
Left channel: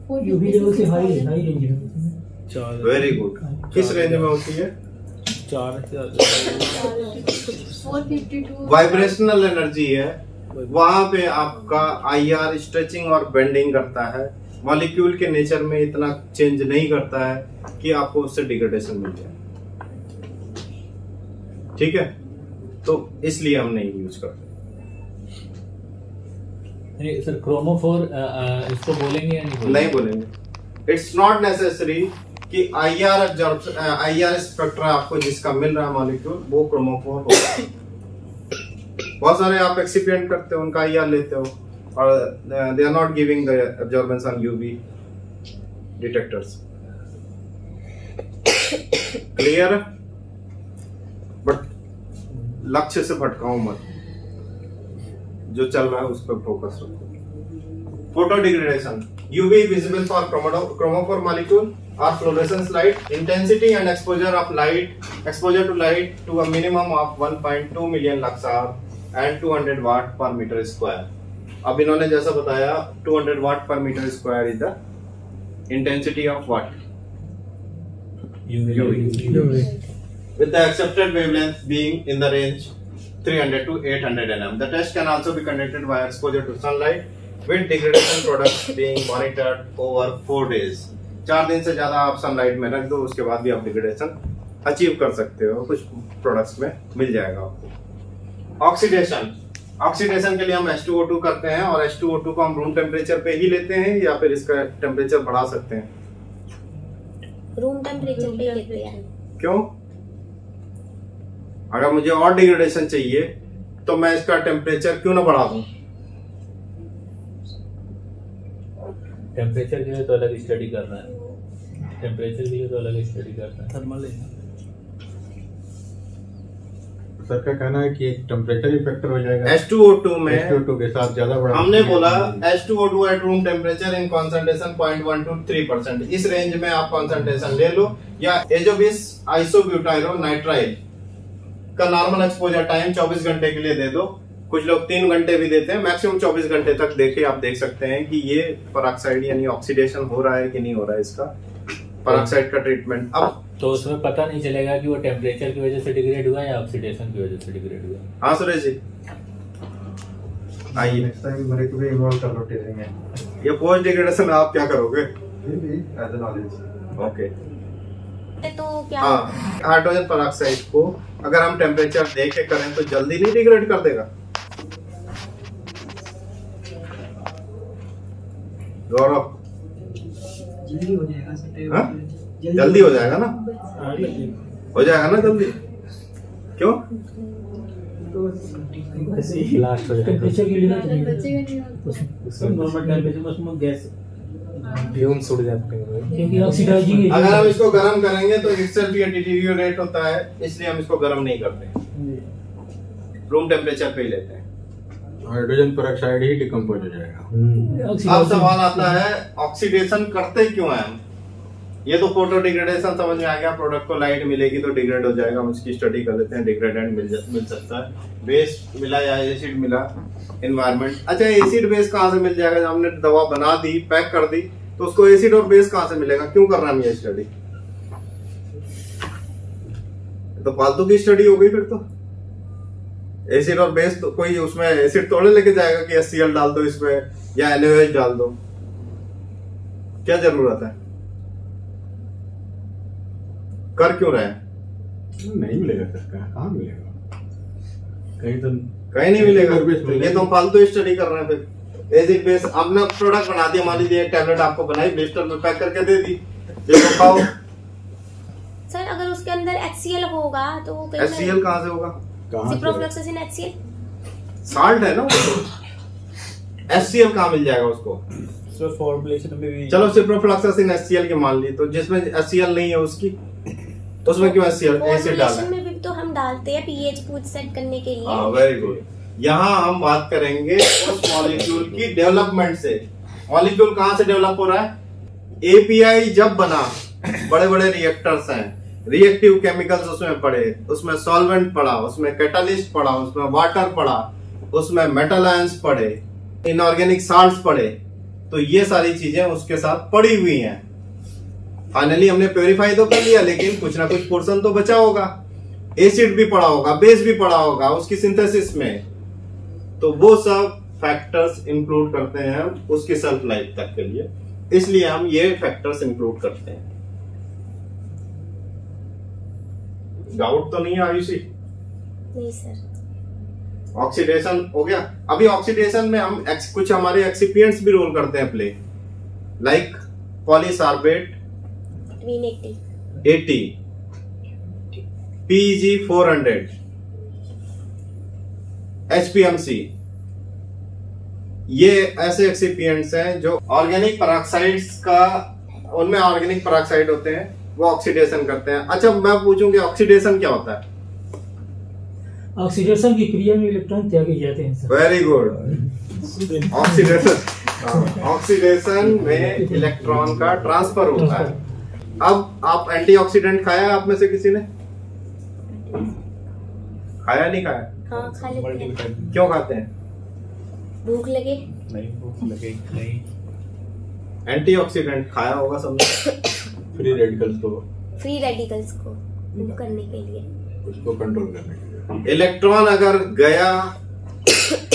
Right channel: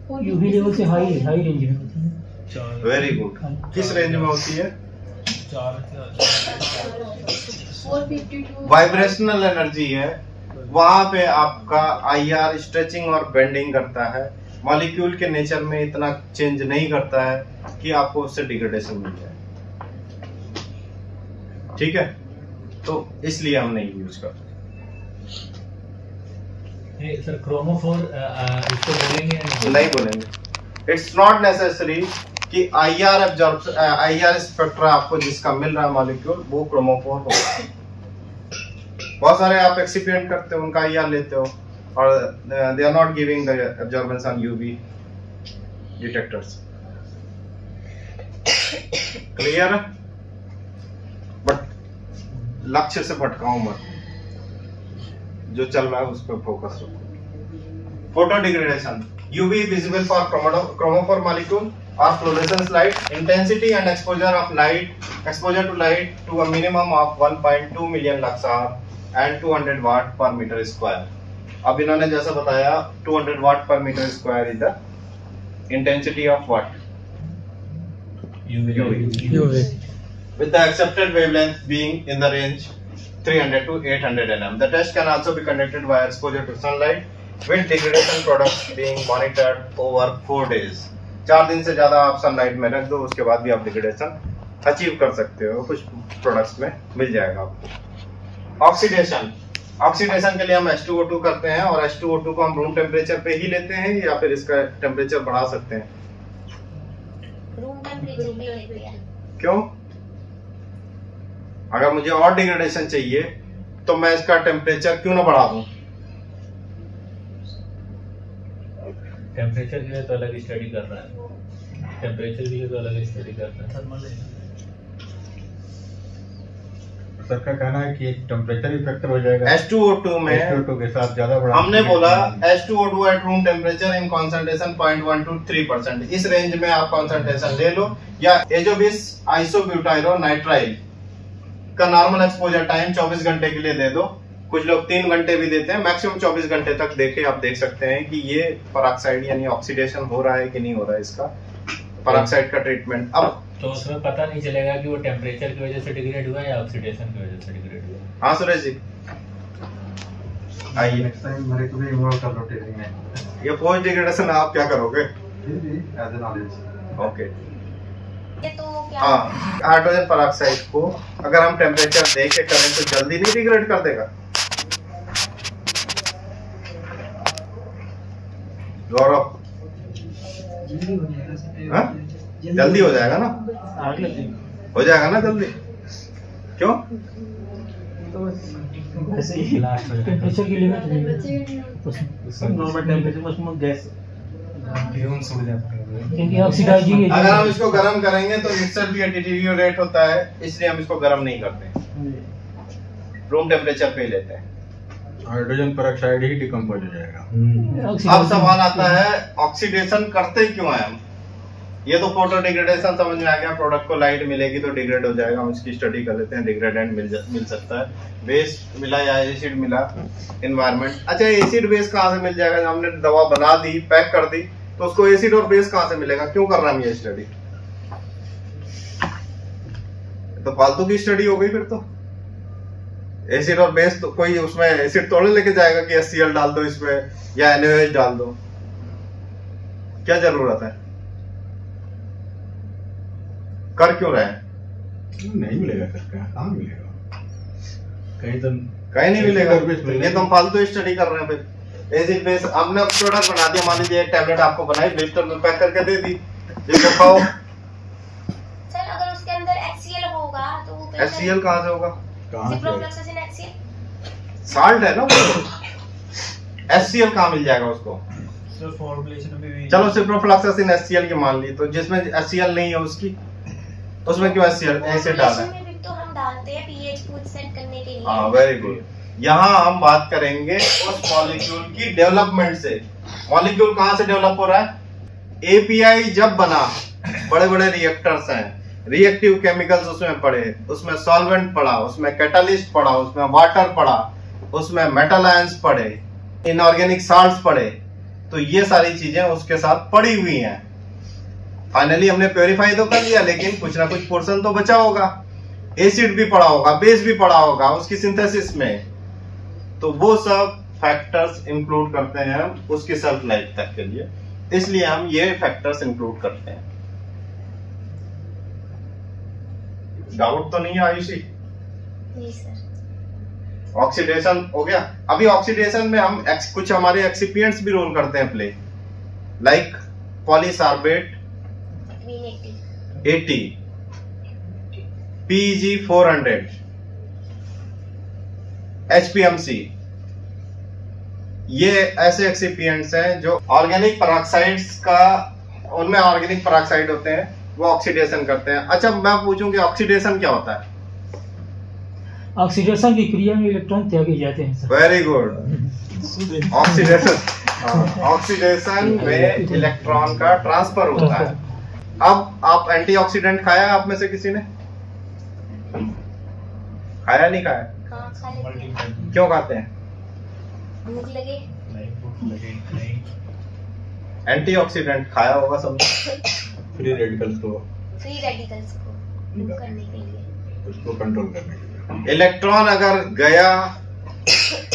यूवी लेवल से हाई रेंज में होती है। Very good. किस रेंज में होती है? 452 वाइब्रेशनल एनर्जी है, वहां पे आपका IR स्ट्रेचिंग और बेंडिंग करता है, मॉलिक्यूल के नेचर में इतना चेंज नहीं करता है कि आपको उससे डिग्रेडेशन मिल जाए। ठीक है, तो इसलिए हम नहीं यूज करते। सर क्रोमोफोर इसको बोलेंगे नहीं बोलेंगे। इट्स नॉट नेसेसरी कि IR स्पेक्ट्रा आपको जिसका मिल रहा है मॉलिक्यूल वो क्रोमोफोर होगा। बहुत सारे आप एक्सिपिएंट करते हो, उनका IR लेते हो और they are not giving the absorbance on UV detectors. Clear? But लक्ष्य से भटकाओ मत, जो चल रहा है उस पर फोकस रखो। Photo degradation, UV visible for chromophore molecule or fluorescence light, intensity and exposure to light to a minimum of 1.2 million lux hour and 200 watt per meter square। अब इन्होंने जैसा बताया 200 watt per meter square is the intensity of what? UV. With the accepted wavelength being in the range 300 to 800 nm. The test can also be conducted by exposure to sunlight with degradation products being monitored over 4 days. 4 दिन से ज्यादा आप sunlight में रख दो, उसके बाद भी आप डिग्रेडेशन अचीव कर सकते हो, कुछ प्रोडक्ट्स में मिल जाएगा आपको। ऑक्सीडेशन के लिए हम H2O2 करते हैं और H2O2 को हम रूम टेम्परेचर पे ही लेते हैं या फिर इसका टेम्परेचर बढ़ा सकते हैं? रूम टेम्परेचर पे लेते हैं। क्यों? अगर मुझे और डिग्रेडेशन चाहिए तो मैं इसका टेम्परेचर क्यों ना बढ़ा दूं? टेम्परेचर के लिए तो अलग स्टडी कर रहा है, टेम्परेचर के लिए तो अलग स्टडी कर रहा है। थर्मल सर का कहना है कि एक टेम्परेचर ही फैक्टर हो जाएगा H2O2 में। H2O2 के साथ ज्यादा बढ़ा, हमने बोला H2O2 at room temperature in concentration 0.1 to 3%। इस रेंज में आप कॉन्सेंट्रेशन ले लो, या एजोबिस आइसोब्यूटाइरो नाइट्राइल का नॉर्मल एक्सपोजर टाइम 24 घंटे के लिए दे दो। कुछ लोग 3 घंटे भी देते हैं, मैक्सिमम 24 घंटे तक देखे आप देख सकते हैं कि ये पेरोक्साइड यानी ऑक्सीडेशन हो रहा है कि नहीं हो रहा है इसका पेरोक्साइड का ट्रीटमेंट। अब तो उसमें पता नहीं चलेगा कि वो टेम्परेचर की वजह से डिग्रेड हुआ या ऑक्सीडेशन की वजह से डिग्रेड हुआ। हाँ सुरेश जी, आइए। नेक्स्ट टाइम मेरे को भी इन्वॉल्व कर लो टेस्टिंग में। ये पोस्ट डिग्रेडेशन आप क्या करोगे? फिर भी एज ए नॉलेज। ओके। तो क्या हाँ, हाइड्रोजन पेरोक्साइड को अगर हम टेम्परेचर देख के करें तो जल्दी नहीं डिग्रेड कर देगा? गौरव, जल्दी हो जाएगा सर। हाँ? जल्दी हो जाएगा ना? आग लग जाएगा। हो जाएगा ना जल्दी? क्यों? तो वैसे ही लास्ट हो जाएगा। टेम्परेचर की लिमिट नहीं है, नॉर्मल टेम्परेचर में उसमें गैस फ्यूम उड़ जाते हैं। क्योंकि ऑक्सीडाइजिंग एजेंट अगर हम इसको गर्म करेंगे तो itself ये डिटीरियोरेट होता है, इसलिए हम इसको गर्म नहीं करते, रूम टेम्परेचर पे ही लेते हैं। हाइड्रोजन पेरोक्साइड ही डिकम्पोज हो जाएगा। अब सवाल आता है ऑक्सीडेशन करते क्यों है हम? ये तो फोटो डिग्रेडेशन समझ में आ गया, प्रोडक्ट को लाइट मिलेगी तो डिग्रेड हो जाएगा, हम इसकी स्टडी कर लेते हैं। डिग्रेडेंट मिल सकता है, बेस मिला या एसिड मिला, एनवायरनमेंट। अच्छा, एसिड बेस कहाँ से मिल जाएगा? जब हमने दवा बना दी, पैक कर दी, तो उसको एसिड और बेस कहाँ से मिलेगा? क्यों कर रहा हम ये स्टडी? तो फालतू की स्टडी हो गई फिर तो। एसिड और बेस तो कोई उसमें एसिड थोड़े लेके जाएगा कि HCl डाल दो इसमें या NaOH डाल दो, क्या जरूरत है? कर क्यों रहे हैं? नहीं मिलेगा सर, कहाँ मिलेगा? कहीं नहीं मिलेगा। तो ये तो हम फालतू स्टडी कर रहे हैं। फिर एसिड बेस हमने प्रोडक्ट बना दिया, मान लीजिए एक टैबलेट आपको बनाई, ब्लिस्टर में पैक करके दे दी, देखो खाओ। सर अगर उसके अंदर HCl होगा तो HCl कहाँ से होगा? सिप्रोफ्लोक्सासिन HCl साल्ट है ना वो तो। HCl कहाँ मिल जाएगा उसको? फॉर्मुलेशन में भी चलो सिप्रोफ्लोक्सासिन HCl की मान ली, तो जिसमें HCl नहीं है उसकी, तो उसमें क्यों HCl एसिड डाला है? में भी तो हम डालते हैं pH को सेट करने के लिए। हाँ, वेरी गुड। यहाँ हम बात करेंगे उस मॉलिक्यूल की डेवलपमेंट से। मॉलिक्यूल कहाँ से डेवलप हो रहा है? API जब बना, बड़े बड़े रिएक्टर्स हैं, रिएक्टिव केमिकल्स उसमें पड़े, उसमें सॉल्वेंट पड़ा, उसमें कैटालिस्ट पड़ा, उसमें वाटर पड़ा, उसमें मेटल आयंस पड़े, इनऑर्गेनिक साल्ट्स पड़े। तो ये सारी चीजें उसके साथ पड़ी हुई हैं। फाइनली हमने प्योरीफाई तो कर लिया, लेकिन कुछ ना कुछ पोर्शन तो बचा होगा, एसिड भी पड़ा होगा, बेस भी पड़ा होगा उसकी सिंथेसिस में। तो वो सब फैक्टर्स इंक्लूड करते हैं हम उसकी सेल्फ लाइफ तक के लिए, इसलिए हम ये फैक्टर्स इंक्लूड करते हैं। डाउट तो नहीं है आयुषी? नहीं सर। ऑक्सीडेशन हो गया। अभी ऑक्सीडेशन में हम कुछ हमारे एक्सिपिएंट्स भी रोल करते हैं प्ले, लाइक पॉलीसार्बेट 80, PEG 400, HPMC, ये ऐसे एक्सिपिएंट्स हैं जो ऑर्गेनिक पेरोक्साइड्स का, उनमें ऑर्गेनिक पेरोक्साइड होते हैं, वो ऑक्सीडेशन करते हैं। अच्छा, मैं पूछूं कि ऑक्सीडेशन क्या होता है? ऑक्सीडेशन की क्रिया में इलेक्ट्रॉन त्यागे जाते हैं सर। Very good. ऑक्सीडेशन में इलेक्ट्रॉन का ट्रांसफर होता है। अब आप एंटीऑक्सीडेंट खाया है आप में से किसी ने? खाया नहीं खाया? हाँ, खा लेते हैं। क्यों खाते हैं? भूख लगे। नहीं, भूख लगे नहीं। एंटीऑक्सीडेंट खाया होगा सबने। फ्री रेडिकल्स को रिमूव करने के लिए, उसको कंट्रोल करने के लिए। इलेक्ट्रॉन अगर गया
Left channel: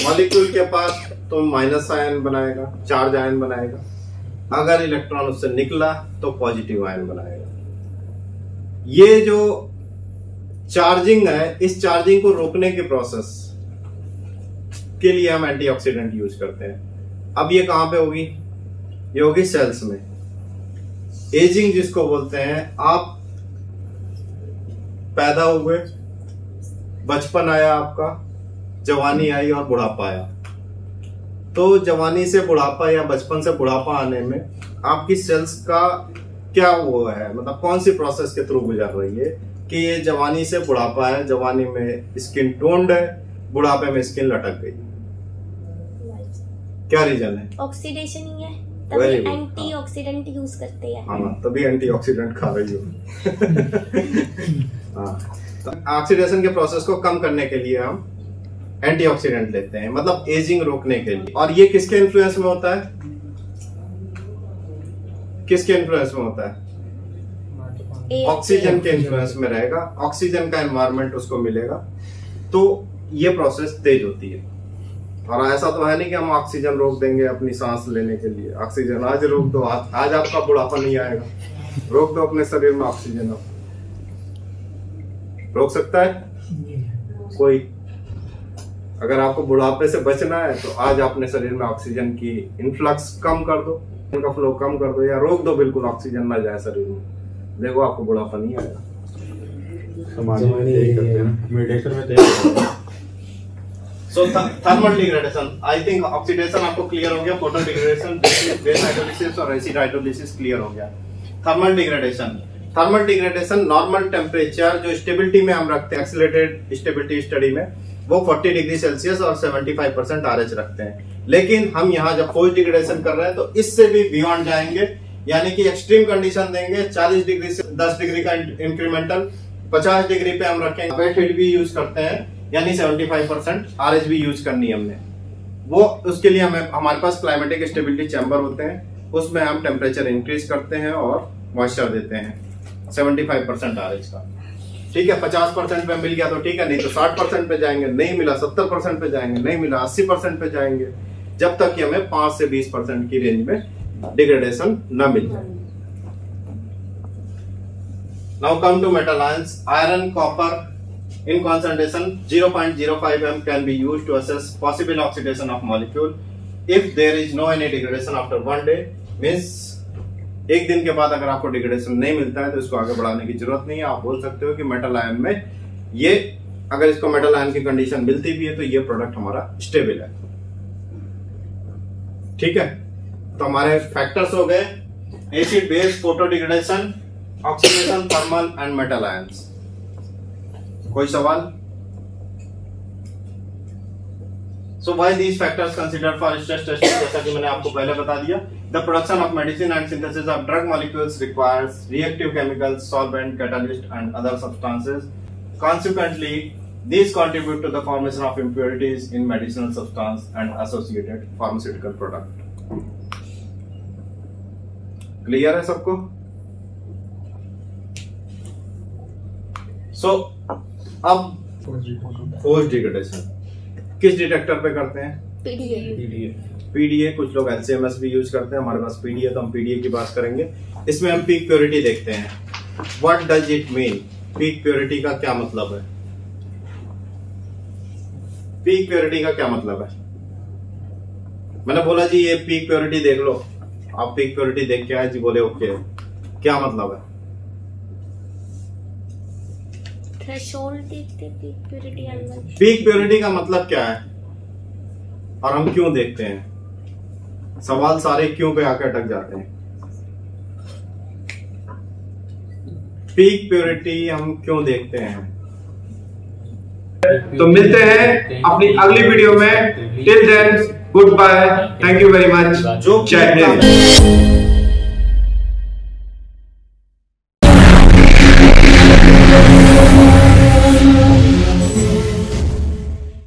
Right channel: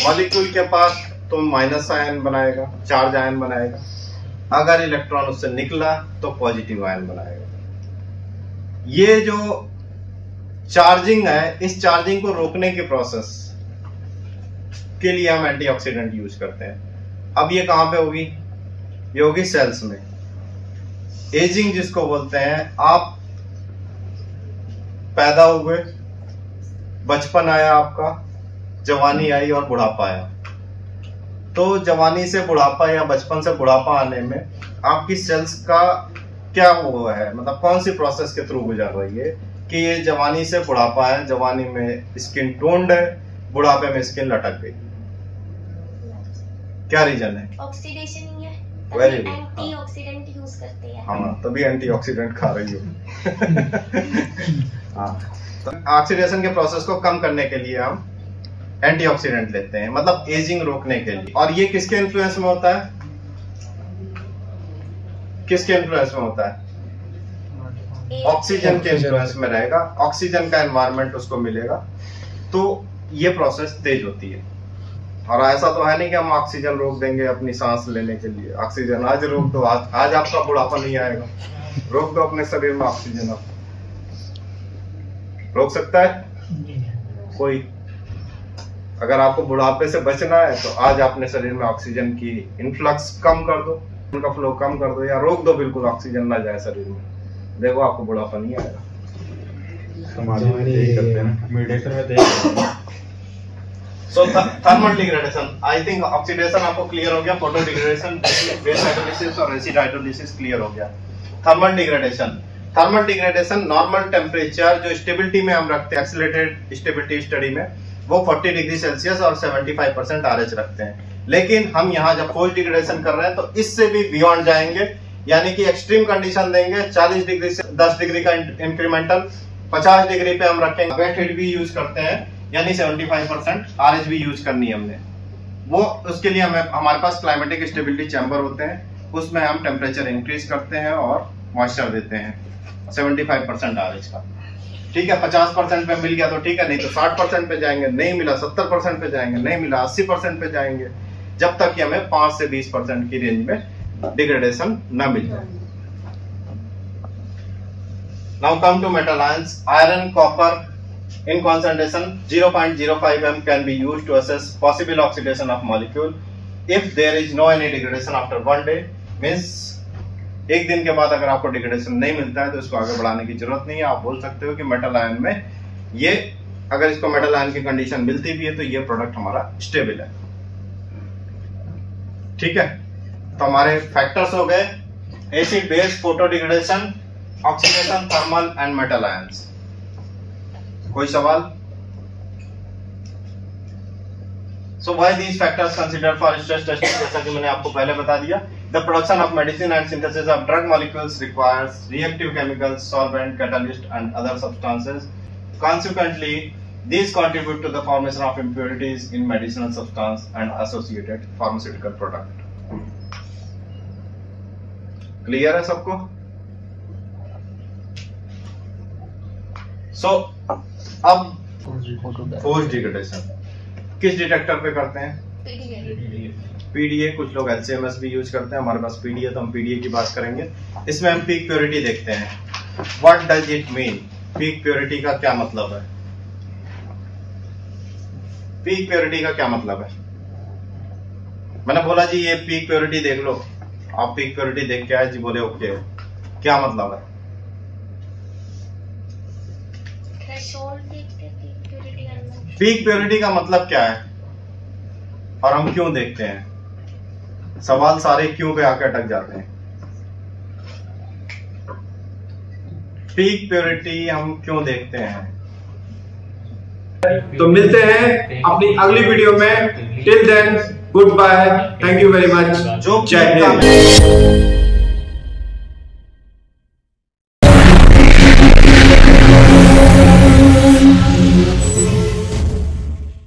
मॉलिक्यूल के पास तो माइनस आयन बनाएगा, चार्ज आयन बनाएगा। अगर इलेक्ट्रॉन उससे निकला तो पॉजिटिव आयन बनाएगा। ये जो चार्जिंग है, इस चार्जिंग को रोकने के प्रोसेस के लिए हम एंटीऑक्सीडेंट यूज करते हैं। अब ये कहां पे होगी? ये होगी सेल्स में। एजिंग जिसको बोलते हैं, आप पैदा हुए, बचपन आया आपका, जवानी आई और बुढ़ापा आया। तो जवानी से बुढ़ापा या बचपन से बुढ़ापा आने में आपकी सेल्स का क्या वो है, मतलब कौन सी प्रोसेस के थ्रू गुजर रही है कि ये जवानी से बुढ़ापा है, जवानी में स्किन टोन्ड है, बुढ़ापे में स्किन लटक गई। क्या रीजन है? ऑक्सीडेशन ही है। Very good. एंटीऑक्सीडेंट यूज करते हैं। हाँ, तभी एंटीऑक्सीडेंट खा रही हो। हाँ, तो ऑक्सीडेशन के प्रोसेस को कम करने के लिए हम एंटीऑक्सीडेंट लेते हैं, मतलब एजिंग रोकने के लिए। और ये किसके इन्फ्लुएंस में होता है? किसके इन्फ्लुएंस में होता है? ऑक्सीजन के इन्फ्लुएंस में रहेगा। ऑक्सीजन का एनवायरनमेंट उसको मिलेगा, तो ये प्रोसेस तेज होती है। और ऐसा तो है नहीं कि हम ऑक्सीजन रोक देंगे अपनी सांस लेने के लिए। ऑक्सीजन आज रोक दो, आज आपका बुढ़ापा नहीं आएगा। रोक दो अपने शरीर में ऑक्सीजन। आप रोक सकता है कोई? अगर आपको बुढ़ापे से बचना है तो आज अपने शरीर में ऑक्सीजन की इनफ्लक्स कम कर दो, उनका फ्लो कम कर दो, या रोक दो, बिल्कुल ऑक्सीजन ना जाए शरीर में। देखो आपको बुढ़ापा नहीं आएगा। समाज में यही करते हैं ना, मेडिसिन में तो यही करते हैं। So thermal degradation, I think oxidation आपको क्लियर हो गया, फोटो डिग्रेडेशन, बेस हाइड्रोलिसिस और एसिड हाइड्रोलिसिस क्लियर हो गया। थर्मल डिग्रेडेशन नॉर्मल टेम्परेचर जो स्टेबिलिटी में हम रखते हैं, एक्सीलरेटेड स्टेबिलिटी स्टडी में, वो 40 डिग्री सेल्सियस और 75% RH रखते हैं। लेकिन हम यहाँ जब पोस्ट डिग्रेडेशन कर रहे हैं तो इससे भी बियॉन्ड जाएंगे, यानी कि एक्सट्रीम कंडीशन देंगे। 40 डिग्री से 10 डिग्री का इंक्रीमेंटल, 50 डिग्री पे हम रखेंगे। वेट हीट भी यूज करते हैं, यानी 75% RH भी यूज करनी है हमने। वो उसके लिए हमें, हमारे पास क्लाइमेटिक स्टेबिलिटी चैम्बर होते हैं, उसमें हम टेम्परेचर इंक्रीज करते हैं और मॉइस्चर देते हैं 75% RH का। ठीक है, 50% पे मिल गया तो ठीक है, नहीं तो 60% पे जाएंगे, नहीं मिला 70% पे जाएंगे, नहीं मिला 80% पे जाएंगे, जब तक कि हमें 5 से 20% की रेंज में डिग्रेडेशन न मिल जाए। Now come to metal ions. Iron, copper in concentration 0.05 m can be used to assess possible oxidation of molecule if there is no any degradation after 1 day, means एक दिन के बाद अगर आपको डिग्रेडेशन नहीं मिलता है तो इसको आगे बढ़ाने की जरूरत नहीं है। आप बोल सकते हो कि मेटल आयन में ये, अगर इसको मेटल आयन की कंडीशन मिलती भी है तो ये प्रोडक्ट हमारा स्टेबल है। ठीक है, तो हमारे फैक्टर्स हो गए acid, base, photo degradation, oxidation, thermal and metal ions. कोई सवाल? So why these factors considered for stress testing? जैसा कि मैंने आपको पहले बता दिया, the production of medicine and synthesis of drug molecules requires reactive chemicals, solvent, catalyst and other substances. Consequently, these contribute to the formation of impurities in medicinal substance and associated pharmaceutical product. Clear है सबको? सो अब force degradation किस detector पे करते हैं? PDA. कुछ लोग एलसीएमएस भी यूज करते हैं, हमारे पास पीडीए, तो हम पीडीए की बात करेंगे। इसमें हम पीक प्योरिटी देखते हैं। What does it mean? Peak purity का क्या मतलब है? पीक प्योरिटी का क्या मतलब है? मैंने बोला जी ये पीक प्योरिटी देख लो, आप पीक प्योरिटी देख के आए जी, बोले ओके, क्या मतलब है? पीक प्योरिटी का मतलब क्या है और हम क्यों देखते हैं? सवाल सारे क्यों पे आकर अटक जाते हैं। पीक प्योरिटी हम क्यों देखते हैं? तो मिलते हैं अपनी अगली वीडियो में। Till then good bye, thank you very much, जय हिंद।